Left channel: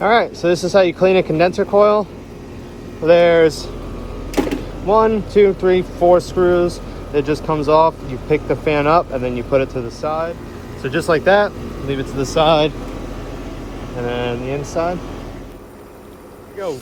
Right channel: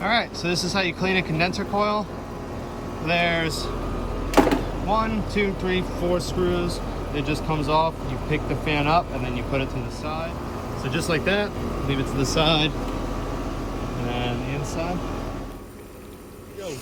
All right, so this is how you clean a condenser coil. There's 1, 2, 3, 4 screws. It just comes off. You pick the fan up and then you put it to the side. So just like that, leave it to the side. And then the inside. Go.